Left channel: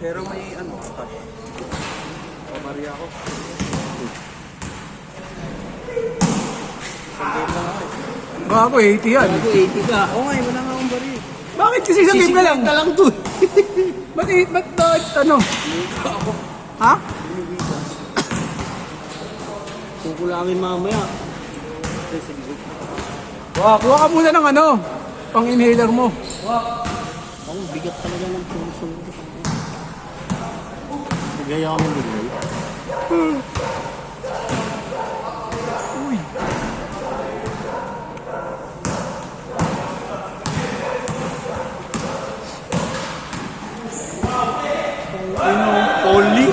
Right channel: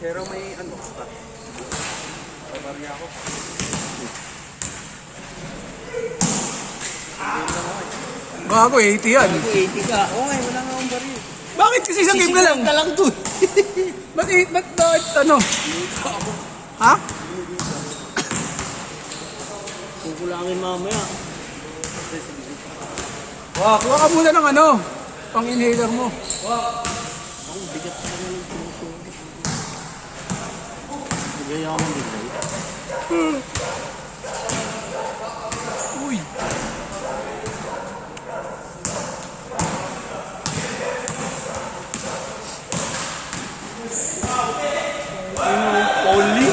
Pero may ano, Maria ako. Bago 80 yan. Bago 80 ka. Oo nga, wala nga akong baril. Bakit kasi sa na lang? Na lang to. Ba't ano? Ha? Kukulangin mamaya. Wow, kuha ka muna ng ano, pang inhaler mo. Ang bigat talaga ng puso. Nagaya ako ng bigay. Uy. Only?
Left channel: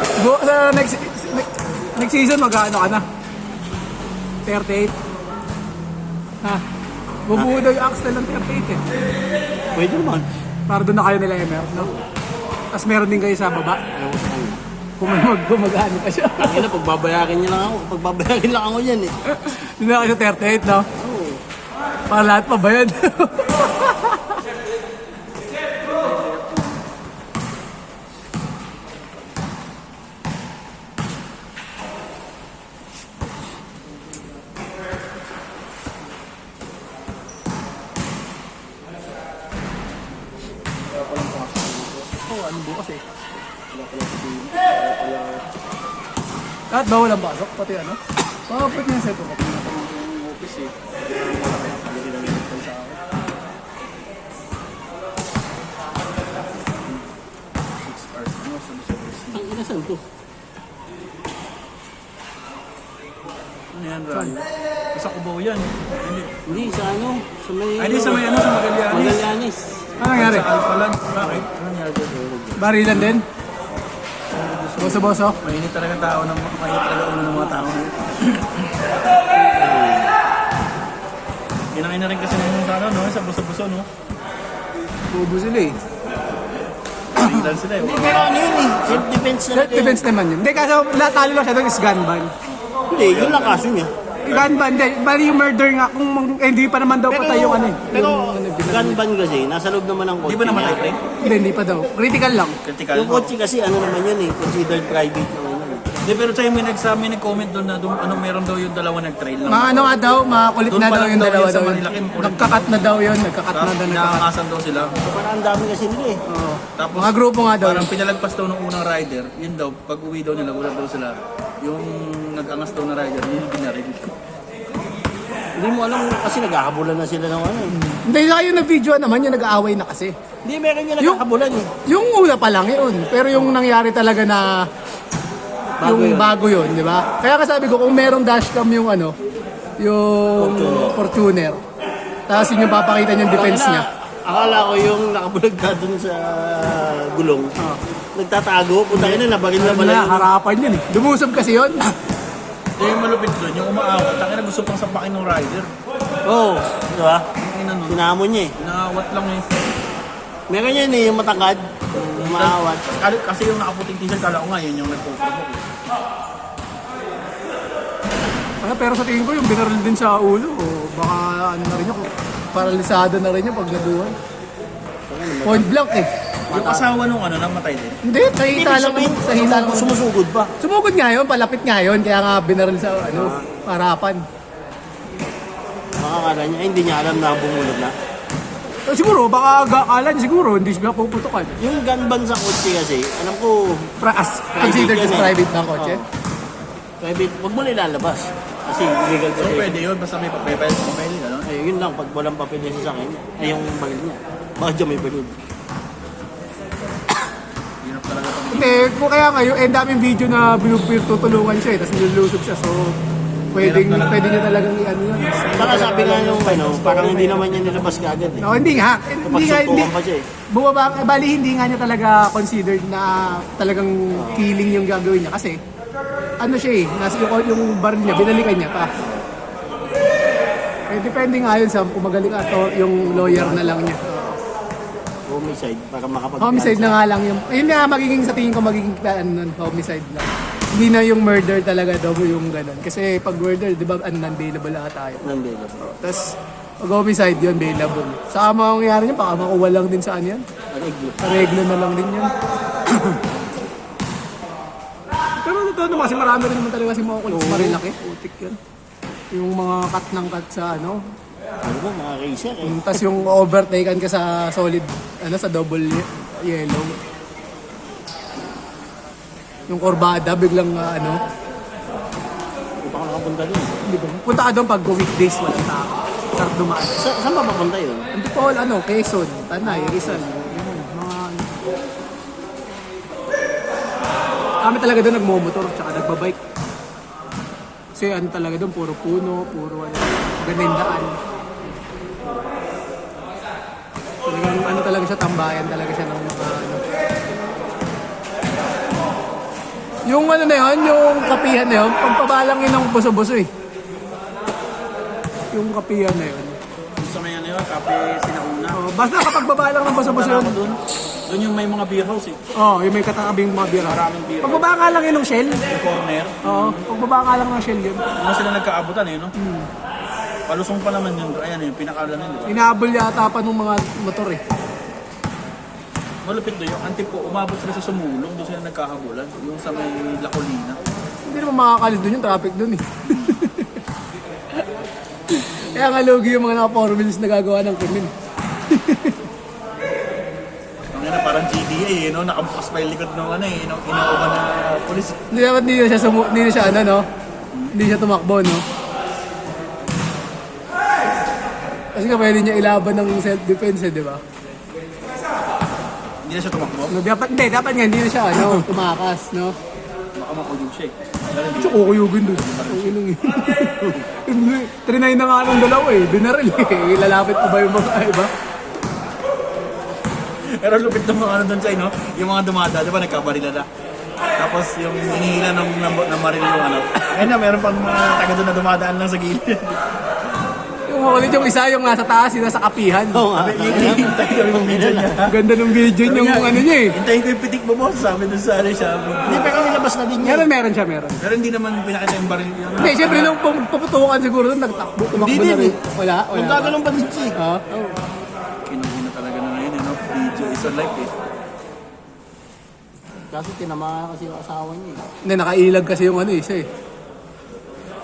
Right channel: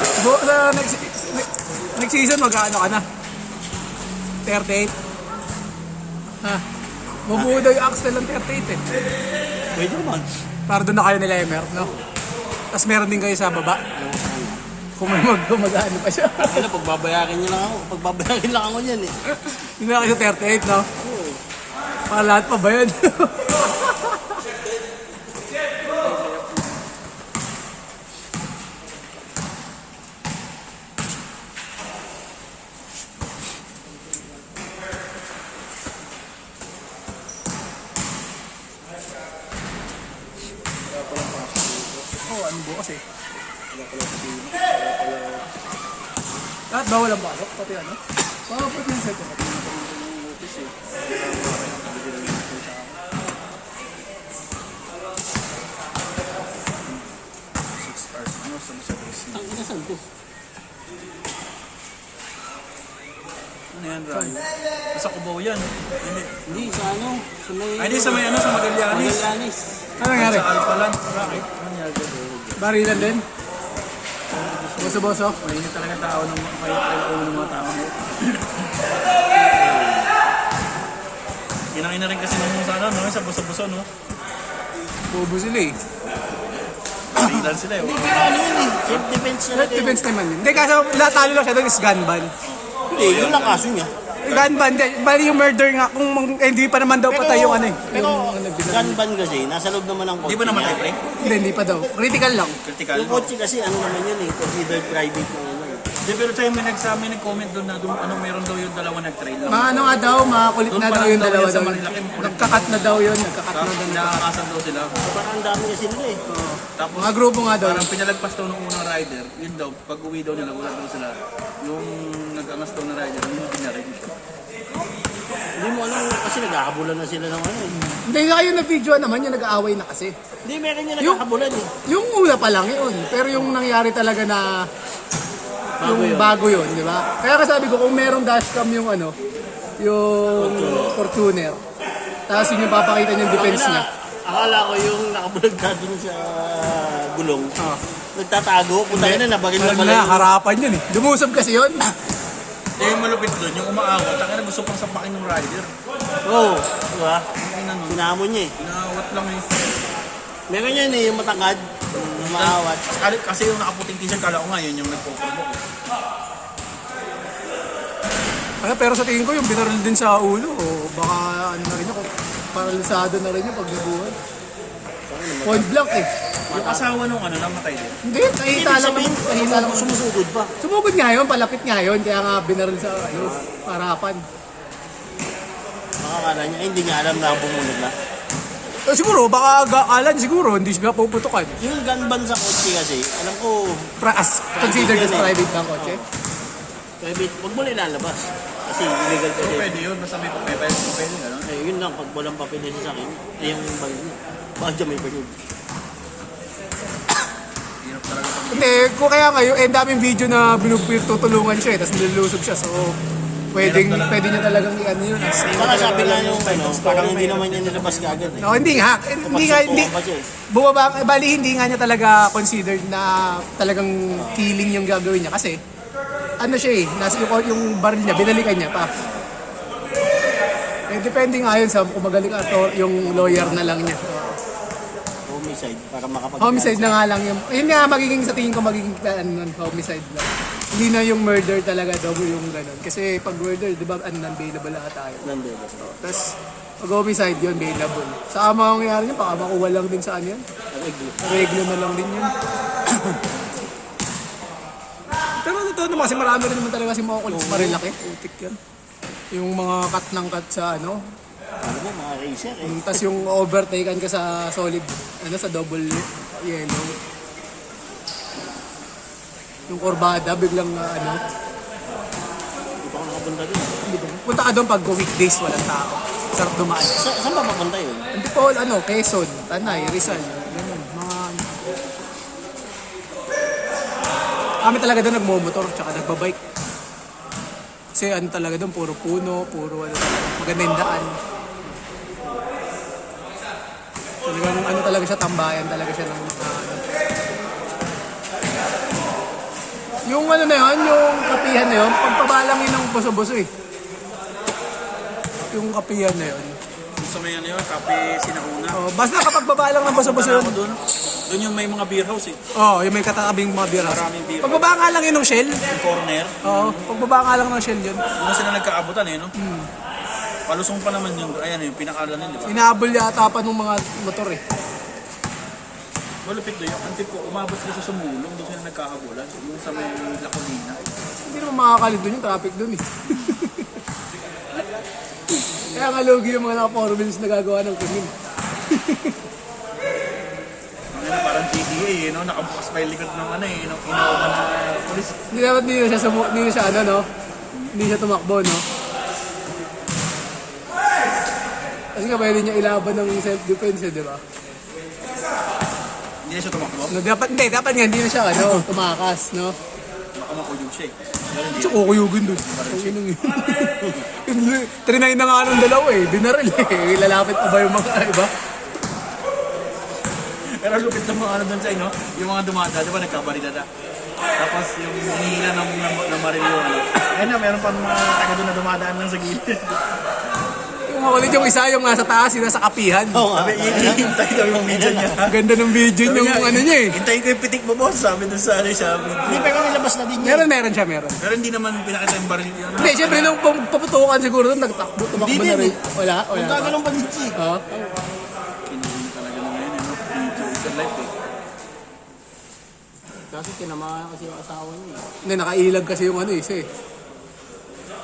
Next season, mag-ano ka na? 38? Ha? Bubuo daw yung Axel ng 38 eh. Pwede naman. Para doon na kayo nila Emer, no? Tapos meron din kayo sa baba. Ewan ko saan. Kung may mag-ano pa siya. Kaya pagbabayakin niya lang ako. Pagbabayakin lang ako yan eh. Hindi na kayo sa 38, no? Para lahat pa ba yan? Ano bukas eh. At bawal ang pasok, pati ano? Pwede yung seto. Ang inasan ko. Ano yan, Rayo? Sa Cubao yan. Hindi, sa ano? Sa may... Ay, di sa may ano, sa Magallanes. Magallanes. Ano nangyari? Sa Alpalan. Bakit? Ano nangyari ba? Barilan din? Boso-boso? Mainit talaga tao ng mga tao. Kinain na rin kasi ng sa ano, no? Sa buso-buso, no? Bubo sila eh. Dahil sila eh. Pero ano yun eh? Self-defense na Self-defense naman yun. Hindi, kasi natalo lang siya doon is gun ban. Hindi, yun lang kaso niya. Gun ban, hindi. Bali yung murder nga, kung hindi pa naman daw patay yung ano eh. Pero Yung- gun ban kasi, nasa loob naman ng Di kotse ba naman niya. natin? Hindi pa daw. Critical lang. Critical. Yung kotse kasi ano naman yun eh, considered private na ano. Hindi, pero sa'yo may nag-comment doon na doon, ano, meron daw yung dalawa nag-trail lang. Ano nga daw, makulit Doon na pa daw lang yung daw dalawa yan sa daw. Marilacan, kulit. Nagkakat na daw yun, nagkakat na Tapos daw. nakakasan daw sila. Parang ang dami kasi nila eh. Tapos Mga grupo nga daw. parang pinalagpas daw ng unang rider, yun daw, pag uwi daw nila, wala daw sila. Yung nag-angas daw na rider, yun binarin. Hindi mo alam kasi nagkakabulan na sila ng ano eh. Hindi nga yung nag-video naman, yung nag-aaway na kasi. Hindi, meron yung nagkakabulan eh. Yung una pa lang yun, pero yung nangyari talaga na bago yun, di ba? Kaya sabi ko, kung merong dashcam yung ano, yung Fortuner, tapos yun yung papakita niyang defense niya. Akala ko yung nakabulag na dun sa gulong. Nagtatago, punta ka na, nabaril na pala Wala, yun. harapan yun eh. Lumusob kasi yun. Eh, yung malupit doon, yung umaawat, taka na gusto pang sapakin ng rider. Oo, di ba? Ang ina nun, Sinamon niya eh. inaawat lang eh. Meron yan eh, yung matangkad, umaawat. Kasi yung nakaputing t-shirt, kala ko nga yun yung nagpo-provoke. Pero sa tingin ko yung binaril din sa ulo, o baka ano na rin yun, paralisado na rin yun pag nabuhan. Point blank eh. Yung asawa nung ano, namatay din. Hindi, nakita lang. Nakita lang. Sumusugod pa. Sumugod nga yun, palapit nga yun, kaya nga binaril sa ano, harapan. Makakala niya, hindi niya alam na bumulog na. Siguro, baka gaalan siguro, hindi siya puputukan. Yung gun ban sa kotse kasi, alam ko, Considered as private na kotse. private, huwag mo nilalabas. Kasi illegal So, kasi. pwede yun, basta may papel, ano? Eh, yun lang, pag walang papel na sasakyan, ay yung bagay niya. Baka dyan may bagay. Hirap talaga pag Hindi, kung kaya ngayon, eh, daming video na tutulungan siya eh, tapos nilulusog siya, so pwede niya talagang ano yun. Saka sabi nga nung ano, parang hindi naman niya nilabas kaagad eh. Oh, hindi nga. Hindi nga, hindi. Pagsumpukan pa siya eh. Bumaba, bali hindi nga niya talaga considered na talagang killing yung gagawin niya kasi ano siya eh, nasa yung baril niya, binalikan niya pa. Eh, depende nga yun sa kung magaling ato yung lawyer na lang niya. Homicide, para makapag- Homicide na nga lang yung, yun nga magiging sa tingin ko magiging ano nun, homicide lang. Hindi na yung murder talaga daw yung ganun. Kasi pag murder, di ba, ano, non-bailable na tayo. Nandun ba? Tapos, pag homicide yun, bailable. Sa mangyayari niya, baka makuha lang din sa ano yan. Reglo. Reglo na lang din yan. totoo naman kasi marami rin naman talaga si Makukulit sa Marilaki. Putik yan. Yung mga cut ng cut sa ano. Ano ba, mga racer eh. Tapos yung overtaken ka sa solid, ano, sa double yellow. Yung kurbada, biglang ano. Punta ko nakapunta din. Punta ka doon pag weekdays wala. Sarap dumaan. Saan ba papunta yun? Hindi ko ano, Quezon, Tanay, Rizal. Yun, mga ano. Kami talaga doon nagmomotor, tsaka nagbabike. Kasi ano talaga doon, puro puno, puro ano, ganindaan. Talagang ano talaga siya, tambayan talaga siya ng mga ano. Yung ano na yun, yung kapihan na yun, pagpabalang yun ng buso-buso eh. Yung kapihan na yun. Gusto mo yun yun, kape sinauna. Oh, basta kapag babalang ng buso-buso yun. Doon yung may mga beer house eh. Oo, yung may katakabing mga beer house. Maraming beer house. Pagbaba nga lang yun ng shell. Yung corner. Oo, pagbaba nga lang ng shell yun. Yung sila nagkaabutan eh, no? Palusong pa naman yung, ayan yung pinakalan nila. Inaabol yata pa ng mga motor eh. Malapit doon yun. Ang tipo, umabot sila sa sumulong, doon sila nagkakabulan. Yung sa may Lacolina. Hindi naman makakalit doon yung traffic doon eh. Kaya nga lugi yung mga naka 4 wheels na gagawa ng kunin. Ano, parang GBA eh, no? Nakabukas pa yung likod ng ano eh, no? Inuuman na polis. Hindi naman hindi na siya ano no? Hindi siya tumakbo no? Kasi nga pwede niya ilaban ng self-defense eh, di ba? Hindi na siya tumakbo. No, dapat nga hindi na siya ano, tumakas no? Baka makuyog siya eh. Tsaka kukuyugin doon. Trinay na nga ng dalawa eh. Binaril eh. Lalapit pa ba yung mga iba? Pero lupit ng mga ano doon sa no? Yung mga dumada, di ba nagkabarila na? Tapos yung hinihila ng maril yung ano. Ayun na, meron pang mga taga doon na dumadaan lang sa gilid. Yung makulit yung isa, yung nasa taas, yung nasa kapihan. Oo nga. Ganda ng video yung ano niya eh. Hintayin ko yung pitik mo, boss. Sabi doon sa ano siya. Hindi, pero nilabas na din yun. Meron siya. Pero hindi naman pinakita yung baril yun. Hindi, syempre nung paputukan siguro doon, tumakbo Hindi na din rin. eh. Wala. Magkagalong pa din siya eh. Oo. Kinuha talaga ng ngayon, ano? Video is a life eh. Kasi tinamaan kasi yung asawa niya eh. Hindi, nakailag kasi yung ano isa eh.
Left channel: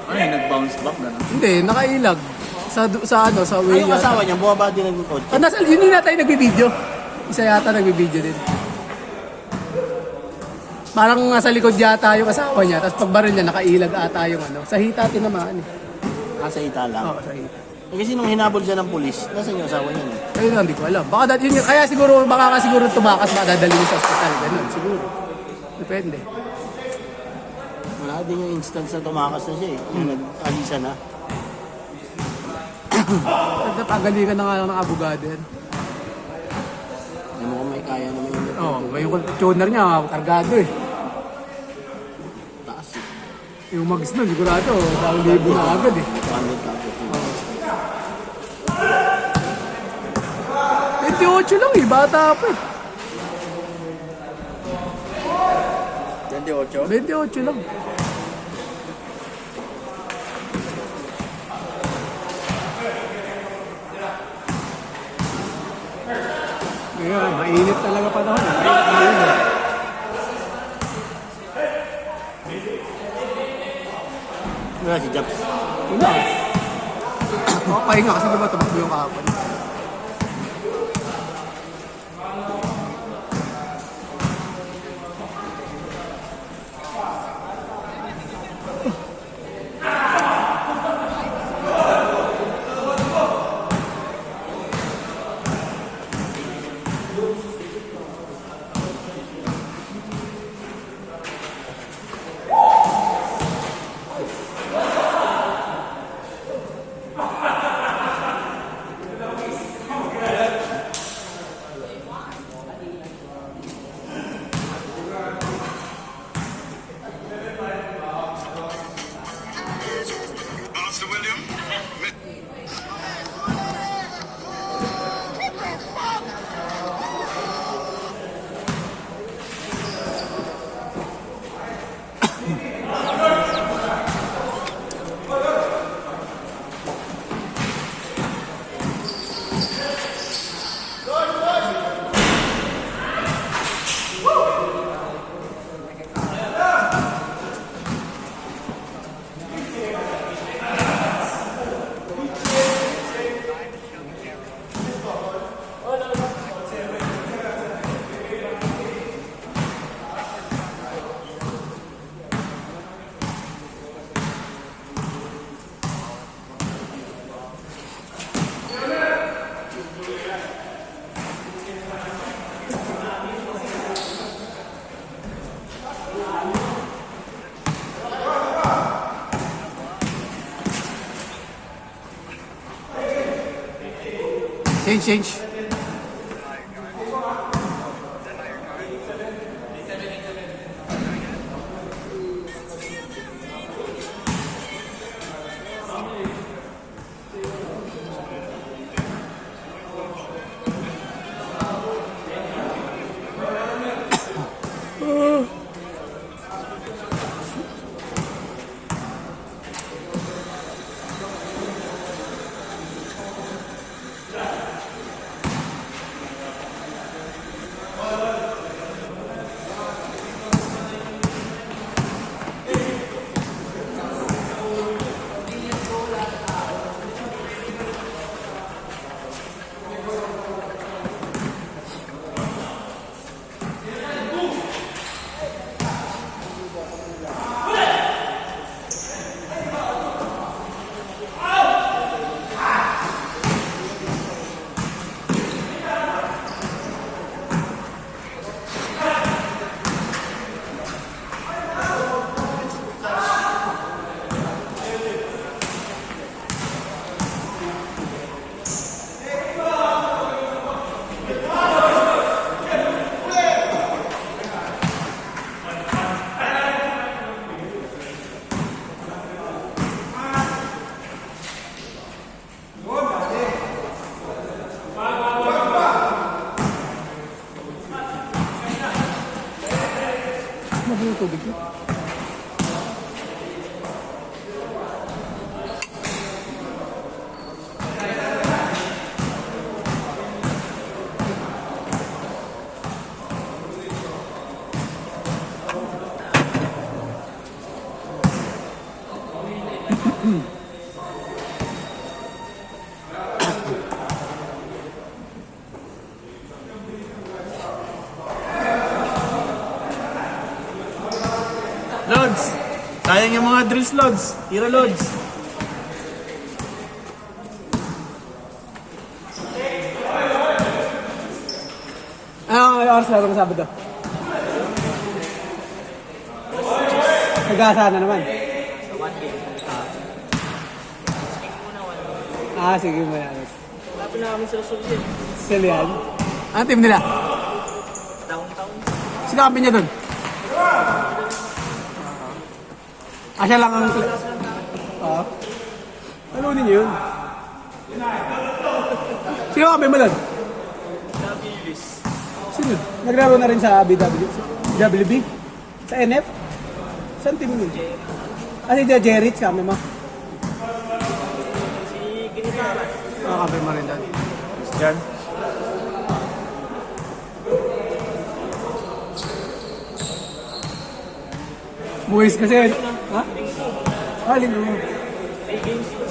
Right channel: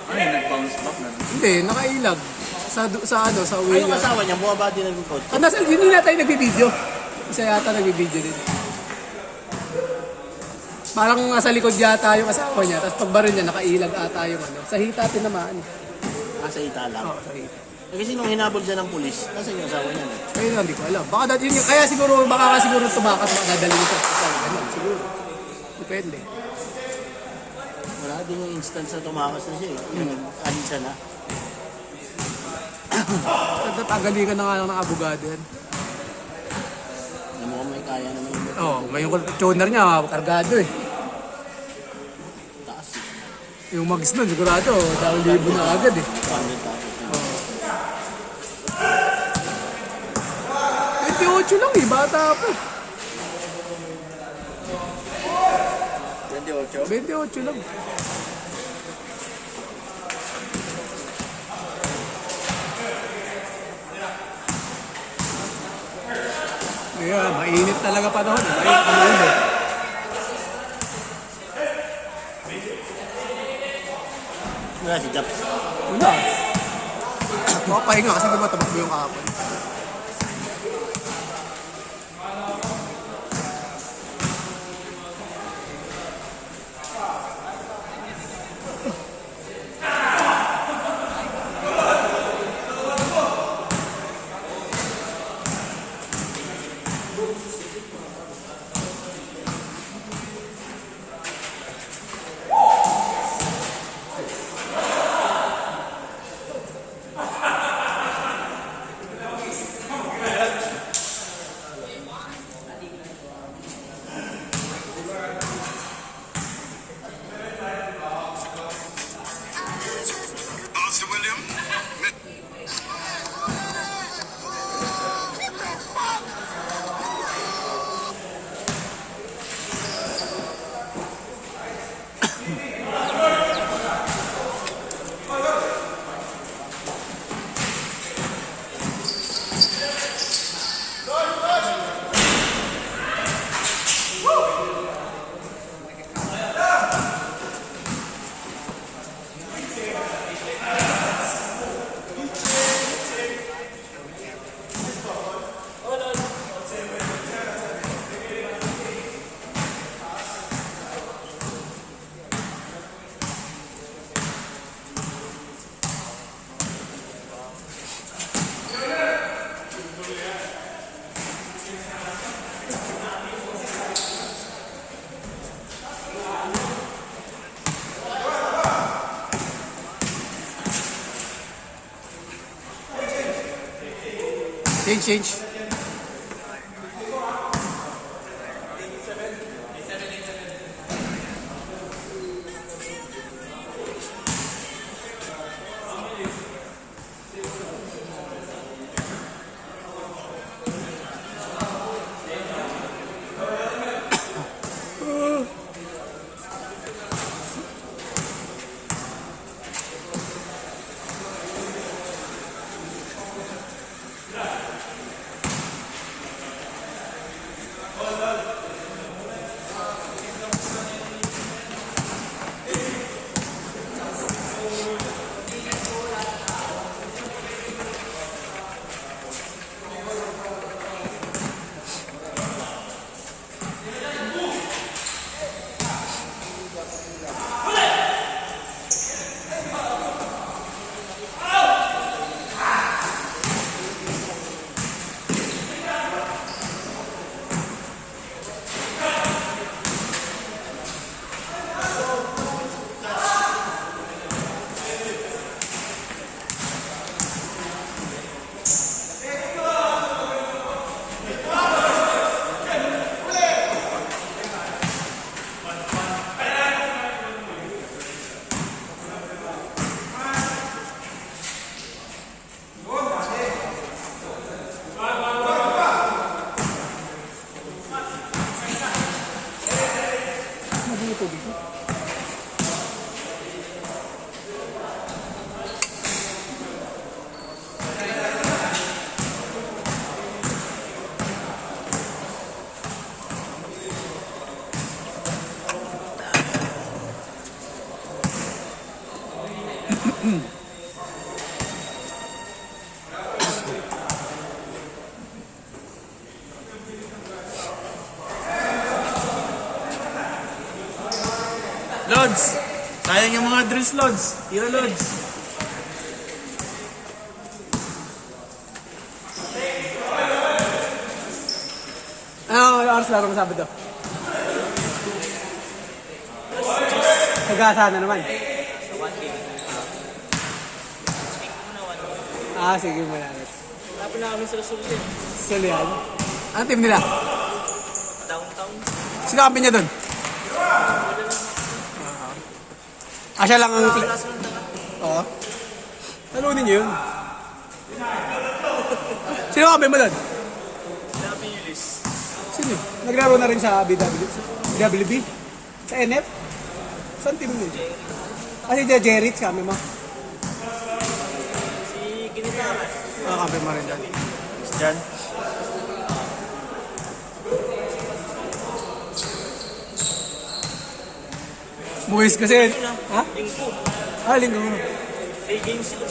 Ano yung nag-bounce back na lang? Hindi, nakailag. Sa way Ay, yung yata. asawa niya, bumaba din ng kotse. Ah, hindi na tayo nagbibideo. Isa yata nagbibideo din. Parang nasa likod yata yung asawa niya, tapos pagbaril niya, nakailag ata yung ano. Sa hita tinamaan. Nasa hita lang. Oo, sa hita. Kasi nung hinabol siya ng pulis, nasa yung asawa niya eh. Ayun na, hindi ko alam. Baka kaya siguro, baka siguro tumakas, baka dadalhin sa hospital. Ganun, siguro. Depende. Wala din yung instance na tumakas na siya eh. Yung nag-alisa na. Pagalikan na nga lang ng abogado yan. Ano kung may kaya naman yung motor. Oo, may yung tuner niya, kargado eh. Taas eh. Yung magis nun, sigurado, dahil libo na agad eh. 200 tapos yun. 28 lang eh, bata pa eh. 28? 28 lang. Ayan, mainit talaga pa naman. Wala si Japs. Makapahinga kasi diba tumakbo yung kahapon. Change. Tubig. Lods! Sayang yung mga drills, Lods. Tira, Lods. Ano oras laro ng Sabado? Nagasa na naman. Sa 1 game. Check muna 1 game. Ah, sige mo yan. Lapin na kami sa resulta. Sila yan. Ano team nila? Downtown. Sino kampi niya doon? Siya lang ang... Oo. Talunin niyo yun. Sino kampi mo doon? W's. Sino? Naglaro na rin sa WB? Sa NF? Saan team mo? Si Jerry, kami mo. Si Ginitara. Kampi mo rin doon. Diyan. Buwis kasi. Ha? Linggo mo. 8 games sila.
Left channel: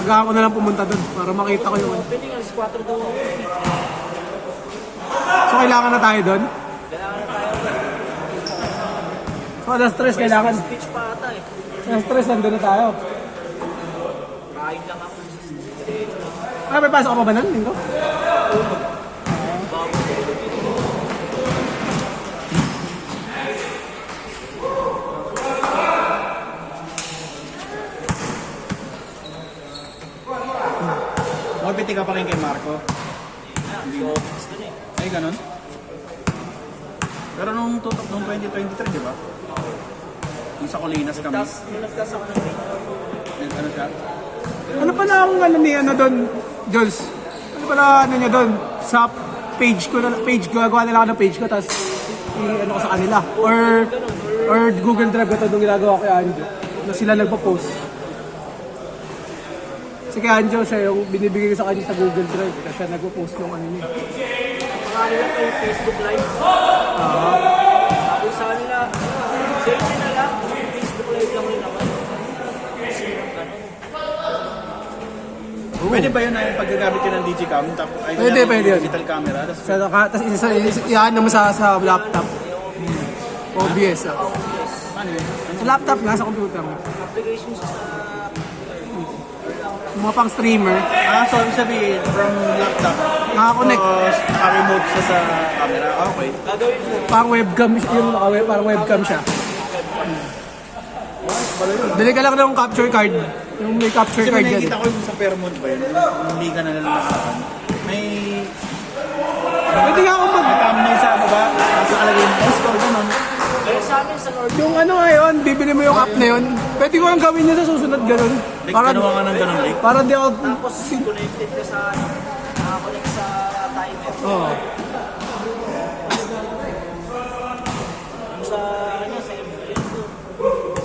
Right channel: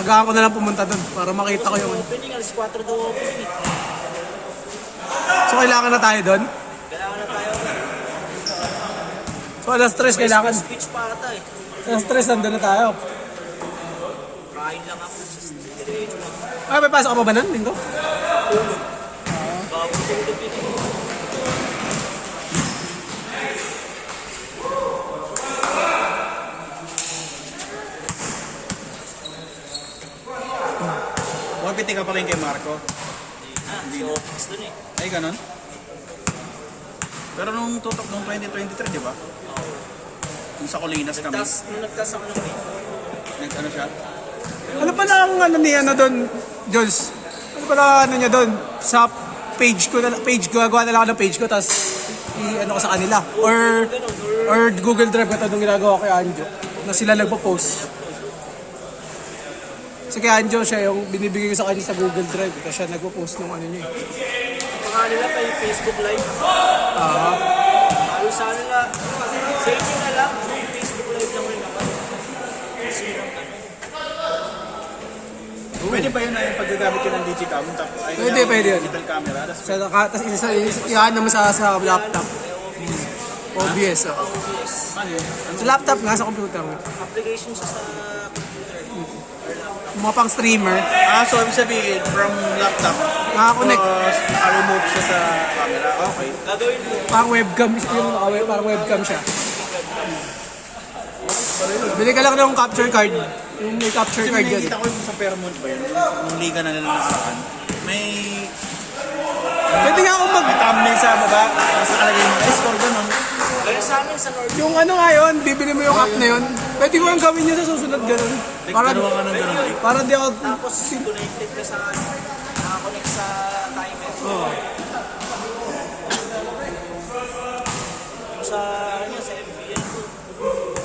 Aga ako na lang pumunta doon para makita ko yung... Pwede nga, alas 4 daw ako. So kailangan na tayo doon? Kailangan na tayo. So alas 3 kailangan. Speech pa ata eh. Alas 3 nandun na tayo. Kain lang ako sa street. Ay, may pasok ka ba nun, Linggo? Piti ka pa rin kay Marco. So, office dun eh. Ay, ganun? Pero nung 2023, di ba? Yung sa Colinas kami. Nagtas ako ng game. Nagtano siya? Ano pala ang ano ni ano doon, Jules? Ano pala ano niya doon? Sa page ko, gagawa na lang ako ng page ko, tapos ano ko sa kanila. Or Google Drive ko ito nung ginagawa ko kay Anjo. Na sila nagpo-post. Kasi kay Anjo, siya yung binibigay ko sa kanya sa Google Drive. Kasi siya nagpo-post ng ano niya. Saka nila ito yung Facebook Live. Kung saan na, selfie na lang, yung Facebook Live lang rin naman. Kasi lang ganun. Pwede ba yun na yung paggagamit yun ng Digicam? Pwede yun. Digital camera. Tapos iyan naman sa laptop. OBS. Ano yun? Sa laptop nga, sa computer mo. Application siya sa Mga pang streamer. So ibig sabihin, from laptop, Nakakonect. remote siya sa camera. Okay. gagawin mo. Parang webcam. Yung parang webcam siya. Bili ka lang ng capture card. Yung may capture Kasi card may yan. nakikita ko yung sa Fairmont ba yun? Yung liga na nalalasakan. May Pwede nga ako mag... may thumbnail sa baba. Tapos nakalagay yung score doon. Kaya sa amin sa Lord, Yung ano nga yun, bibili mo yung app na yun. Pwede ko lang gawin yun sa susunod ganun. Para, Ganawa ka ng ganun, Rick. para di ako... tapos connected ka sa nakakonect sa timer. Oh. Yung sa ano sa MPN ko.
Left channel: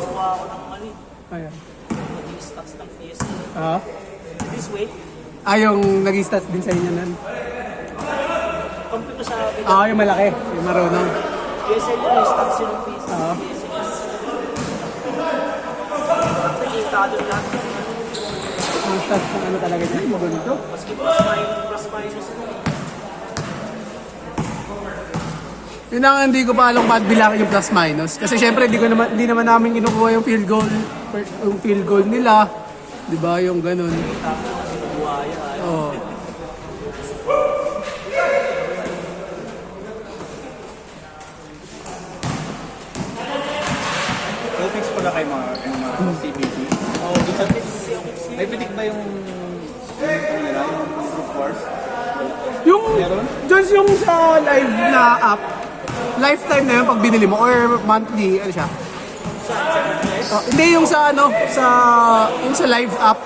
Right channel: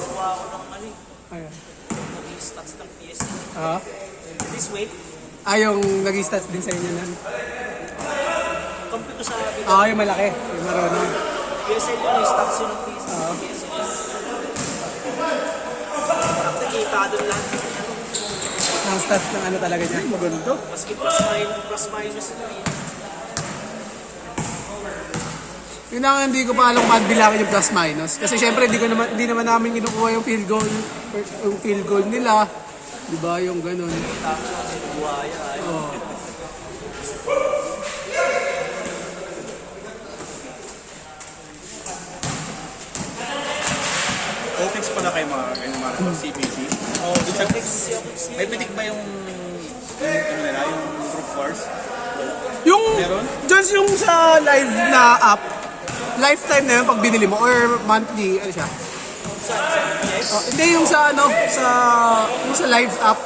Kuha ako ng ano, Ayan. naging stats ng PS. Ah. Please wait. Yung nag-stats din sa inyo nun. Compute ko sa bida. Yung malaki. Yung marunong. PSL yun, yung stats yun ng PS. Ah. Nakikita ka doon lahat. Ang stats ng ano talaga niya. Maganda. Maski plus minus na eh. Yun ang hindi ko pa alam kung bilangin yung plus minus. Kasi syempre hindi naman namin kinukuha yung field goal nila. Di ba yung ganun. Tapos kasi buhaya. Oh. Topics pala kay mga CBC. Doon sa tips, may pitik ba yung nila, yung Brute Force? Yung, Meron? just yung sa live na app, lifetime na yun pag binili mo or monthly, ano siya? Hindi yung sa ano, yung sa live app.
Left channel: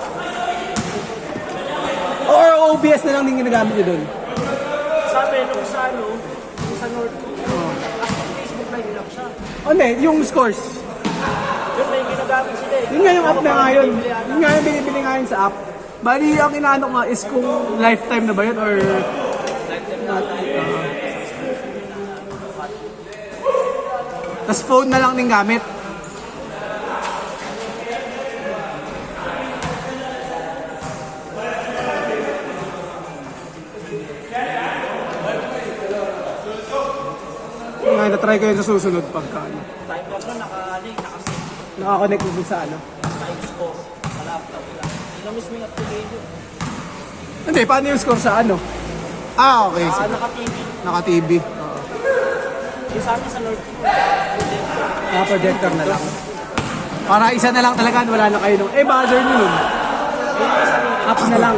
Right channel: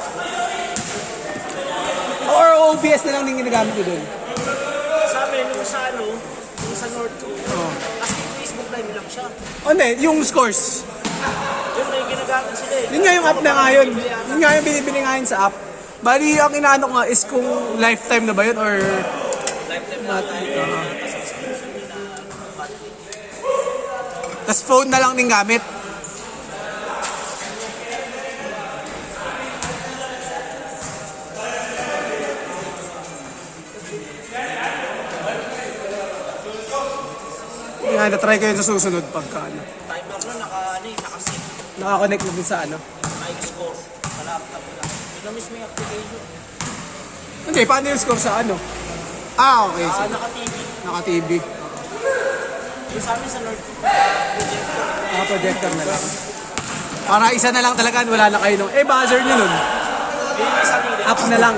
Or OBS na lang din ginagamit nyo doon. Sabi, nung sa ano, yung sa North Korea, kasi yung Facebook Live lang siya. Hindi, yung scores. Yun, may ginagamit sila eh. Yun nga yung app na nga yun. Yun nga yung binibili nga yun sa app. Bali, ang inaano nga is kung lifetime na ba yun or... Tapos phone na lang din gamit. Nga, na-try ko yun sa susunod pagka ano. Timer ko Nakakonect din sa ano. naka-score. Wala, tabila. Inamis mo yung application. Hindi, paano yung score sa ano? Okay. So, Naka-TV. naka-TV. Yung sa amin sa North Korea, projector. Projector na lang. Para isa na lang talaga, wala na kayo nung... buzzer nyo nun. App na lang.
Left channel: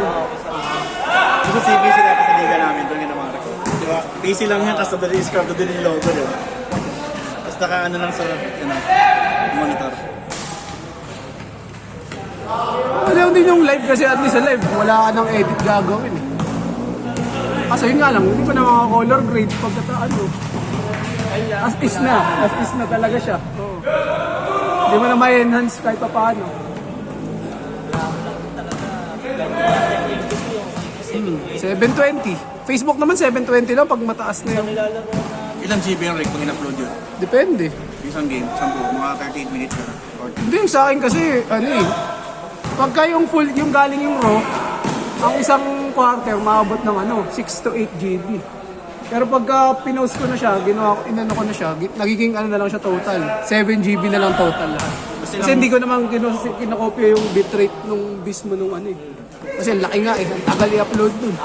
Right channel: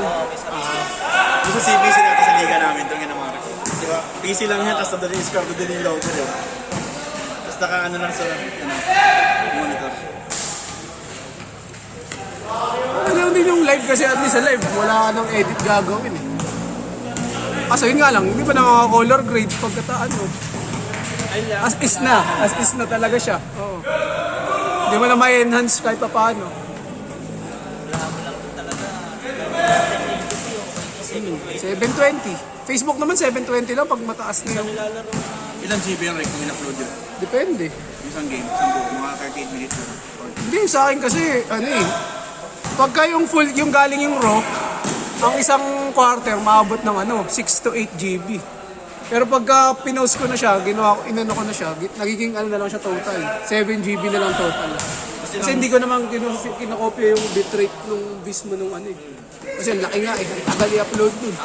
Yung sa CBC natin sa liga namin, doon yung mga record. Diba? PC lang yan, tapos doon yung score, doon yung logo doon. Tapos naka-ano lang sa monitor. Alam din yung live kasi at least sa live, wala ka ng edit gagawin eh. Kasi yun nga lang, hindi pa nakaka-color grade pagkataan mo. As is na talaga siya. Hindi mo na ma-enhance kahit pa paano. 720. Facebook naman 720 lang pag mataas na yan. Ilang GB yung rec kung in-upload yun? Depende. Isang game, isang buo, mga 38 minutes yun. Hindi, sa akin kasi, ano eh, pagka yung full, yung galing yung raw, ang isang quarter, maabot ng 6 to 8 GB. Pero pagka pinost ko na siya, inano ko na siya, nagiging ano na lang siya total. 7 GB na lang total. Kasi hindi ko naman kinakopya yung bitrate nung mismo nung ano eh. Kasi laki nga eh, ang tagal i-upload dun.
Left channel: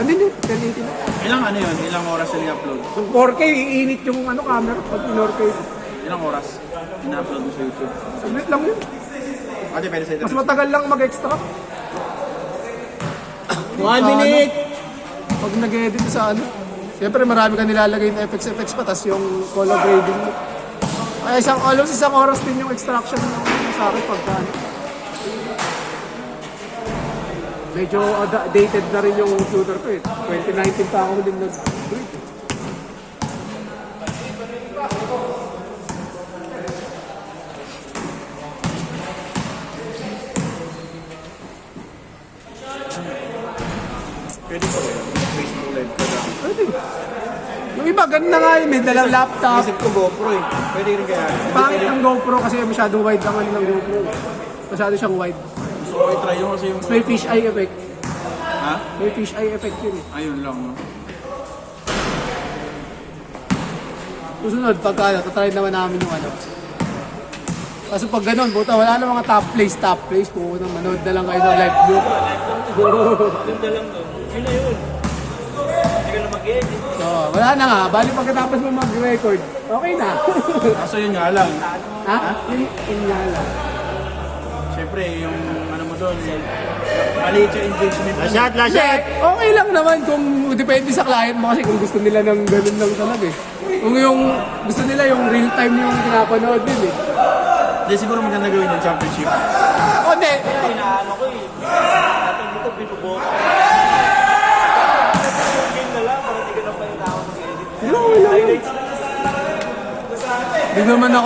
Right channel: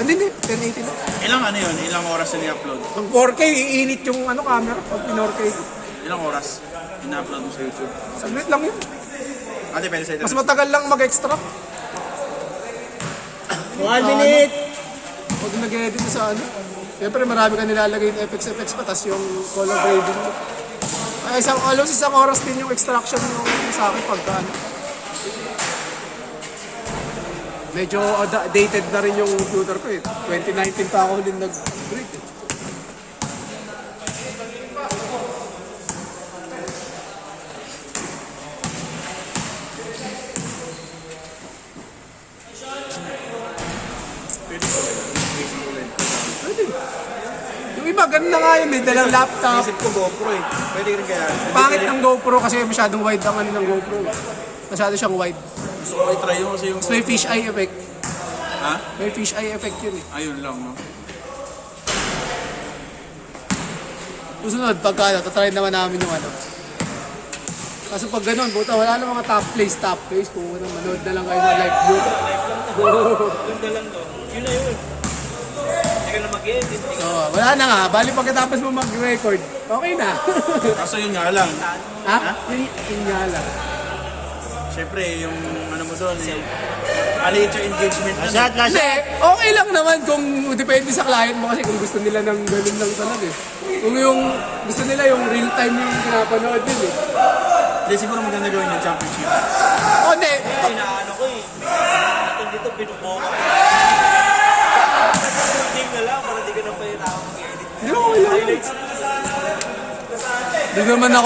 Hindi, 1080 na. Ilang ano yun? Ilang oras yung i-upload? Ang 4K, iinit yung camera, pag in-4K. Ilang oras in-upload mo sa YouTube? Saglit lang yun. Ate, pwede sa ito. Mas matagal lang mag-extract. 1 minute! Pag nag-edit mo sa ano, siyempre marami ka nilalagay yung FX pa, tas yung color grading mo. Ay, isang oras din yung extraction yung sa akin pagka ano. Medyo dated na rin yung computer ko eh. 2019 pa ako din nag-break eh. Pwede ko Facebook Live ko. Pwede. Yung iba, ganun na nga yun eh, dalang laptop. Isip ko GoPro eh. Pwede rin kaya. Pangit ng GoPro kasi masyadong wide ang ano ng GoPro. Masyado siyang wide. Gusto ko i-try yung kasi yung... Tapos may fish eye effect. Ha? May fish eye effect yun eh. Ayun lang, no? Susunod, pagka tatry naman namin yung ano. Kaso pag ganun, buta wala na mga top place. Pumunta, manood na lang kayo sa live view. Yun na lang doon. Yun na yun. ka na mag-edit. So, wala na nga. Bali pagkatapos mo mag-record, okay na. Kaso yun nga lang. Ha? Yun nga lang. Siyempre, yung ano mo doon, maliit yung engagement mo. Last shot, last Hindi, shot. okay lang naman kung depende sa client mo kasi kung gusto nila ng ganun lang talaga eh. Kung yung gusto nila yung real time yung pinapanood din eh. Hindi, siguro maganda gawin yung championship. O hindi. Inaano ko eh. Dito binubuo. Game na lang, para di ka na pa mag-edit. Hindi naman ako